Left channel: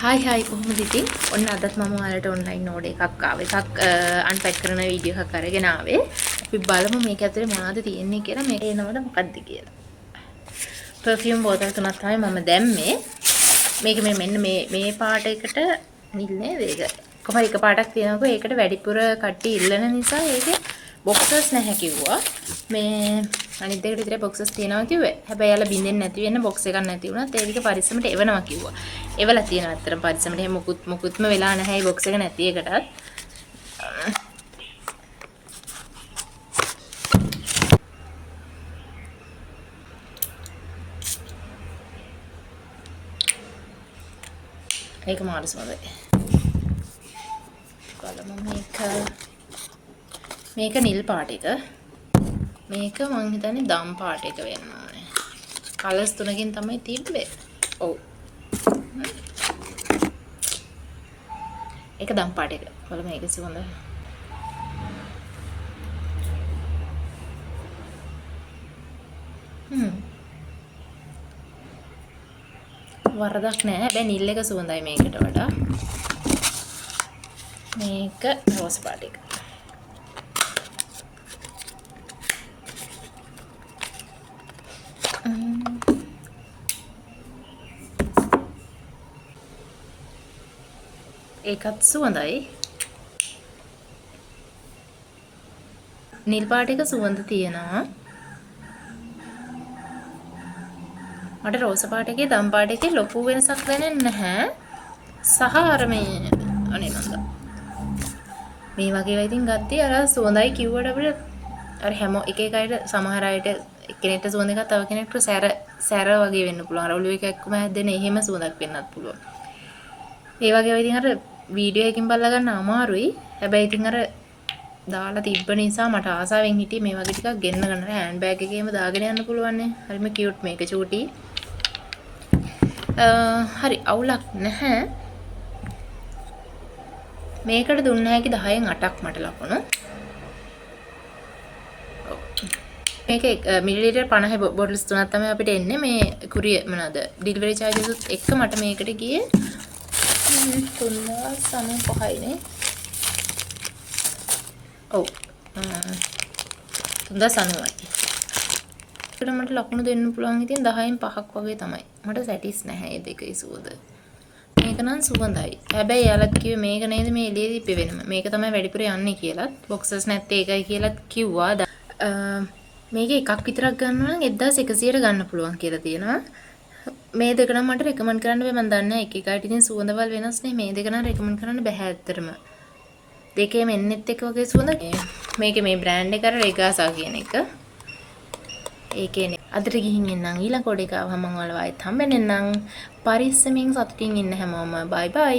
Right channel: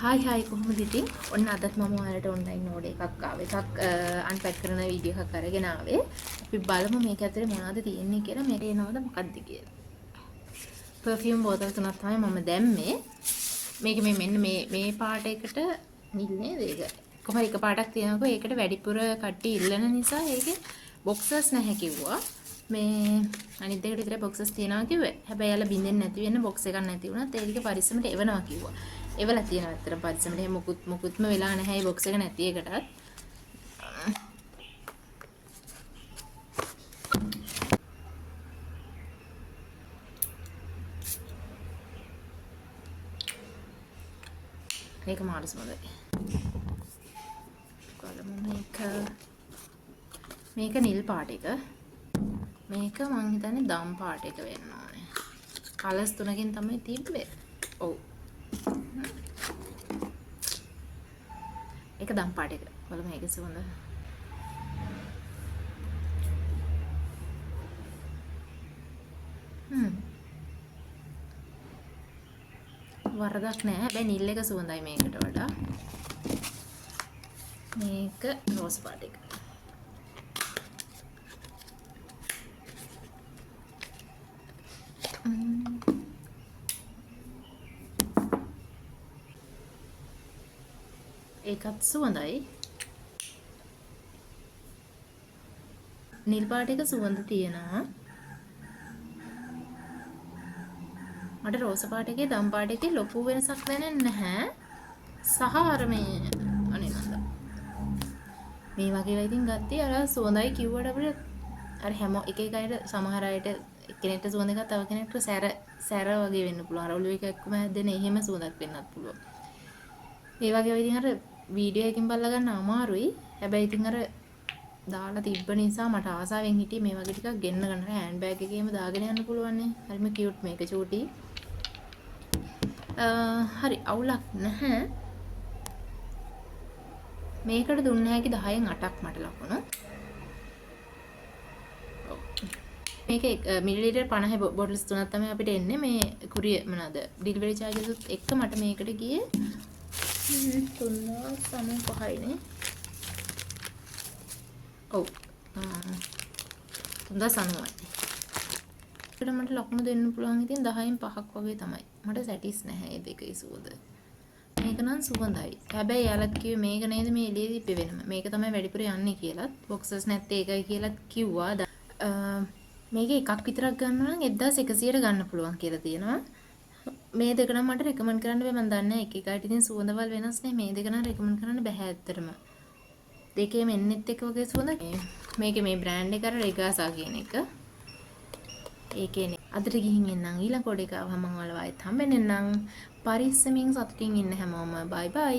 Hi hi කොහොමද ඉතින්? ඔන්න අදත් මම ඔයාලට ඔන්ලයින් ඕඩර් එකක් ආවා. එකක් අන්පැක් කරන වීඩියෝ එකක් අරගෙන ආවේ. අපි බලමු මේක ඇතුලේ මොනවද තියෙන්නේ කියලා. මේක එනවද මොකක්ද කියලා. පර්ෆියුම් බෝතල් තුනක් තමයි මම දැම්මේ. මේක මෙන්න මේ පාට එකට නිල් නේද ඒක? කොහොම එක පාටක් තියෙනකො ඒකට වැඩිපුර කට්ටිය ඉල්ලන නිසා ඒකේ බොක්සස් නැහැ කිව්වා. මේ අනිත් දෙකට විතර බොක්සස් තියෙනවා කිව්වේ. හැබැයි යාලා බින්දෙන්නේ නැති වෙන්න බොක්ස් එකක් නැති වුණත් ඒ ටික පරිස්සමට එවනවා කිව්වා. එවලා තියෙනවා අත්‍තරම පරිස්සමට. එහෙම මුකුත්ම වෙලා නැහැ බොක්ස් එක නැති එකටත්. ඒක මාරු සමදේ. බලමු මේක නිල් පාට එක. මේක මං හිතන්නේ දම් පාට එක වෙන්න ඕනේ. කලර්ස් තුනකින් තමයි තිබ්බේ. ඔව්. ඒක දම් පාට එක. බලමු මේක සුවඳ. වරදක් නෑ. හැබැයි නිල් එක සුවඳයි මේකට වඩා. මේක රෝස් පාට එක. ඒකත් සුවඳයි. නිල් පාට එක සුවඳ තියෙනවා. මට රෝස පාට එකේ දම් පාට එකේ ලොකු වෙනසක් දැනෙන්නේ නැහැ. සහ අර මේ අනේ නන්ද. මේ වගේ ඒවා ඉතින් ගත්තේ අර සුවඳයි කිව්වට අපිට අර හැම එක එක අයට සමහර අයට එක්කෙනෙක්ට සුවඳ එකක් තව කෙනෙක්ට සැර වගේ වෙන්න පුළුවන්. අර ඔළුව එක එක්කම හැදෙන එහෙම සුවඳක් වෙන්නත් පුළුවන්. ඒ වගේ ඒවා ඉතින් අර වීඩියෝ එකකින් බලලා ගන්න අමාරුයි. හැබැයි ඉතින් අර දාලා තිබ්බ නිසා මට ආසාවෙන් හිටියේ මේ වගේ ටිකක් ගෙන්න ගන්න. හෑන්ඩ් බෑග් එකේම දාගෙන යන්න පුළුවන් නේ. හරිම කියුට් මේක චූටි. හරි අවුලක් නැහැ. මේකට දුන්න හැකි 10න් 8ක් මට ලකුණු. මේක මිලිලිටර් 50 බොටල්ස් තුනක් තමයි අපිට එන්නේ. මේ කුරිය මොනවාද ඩිලිවරි charges උත් එක්ක මට මේකට ගියේ 395යි නේ. ඔව් 390යි. ඒකට මට ලකුණු දෙන්න පුළුවන් ඉතින් 10න් 5ක් වගේ තමයි. මට සැටිස් නැහැ මේ දෙකේ සුවඳ. මේක නම් සුවඳයි. හැබැයි යාලත් කිව්වේ මේක නේද මේ එළියේ දීපේ වෙනම. මේක තමයි වැඩිපුර යන්නේ කියලාත්. බොක්සස් නැත්තේ ඒකයි කියලාත් කිව්වා. මේක එකක් විතරක් ගන්නවා නම් 1100ට ගන්න පුළුවන් කියලා තියෙනවා. මේ දෙක නම් මට රෙකමන්ඩ් කරන්න බෑ. මම දන්නේ එක එකට ඉතින් සුවඳවල් වෙනස් නේ. මේ දෙක නම් රෙකමන්ඩ් කරන්න බෑ ඇත්තටම. දෙකේම එන්නෙත් එක වගේ සුවඳ. මේකේ මේ බ්‍රෑන්ඩ් එක අර රෙගාසා කියන එක. ඒකේනේ. අදට ගිහින් එන්නම් ඊළඟ කොඩේක ආවම මම ඔයාලව ආයෙත් හම්බෙන්නම්. පරිස්සමින් සතුටින් ඉන්න හැමෝම. බයි බයි.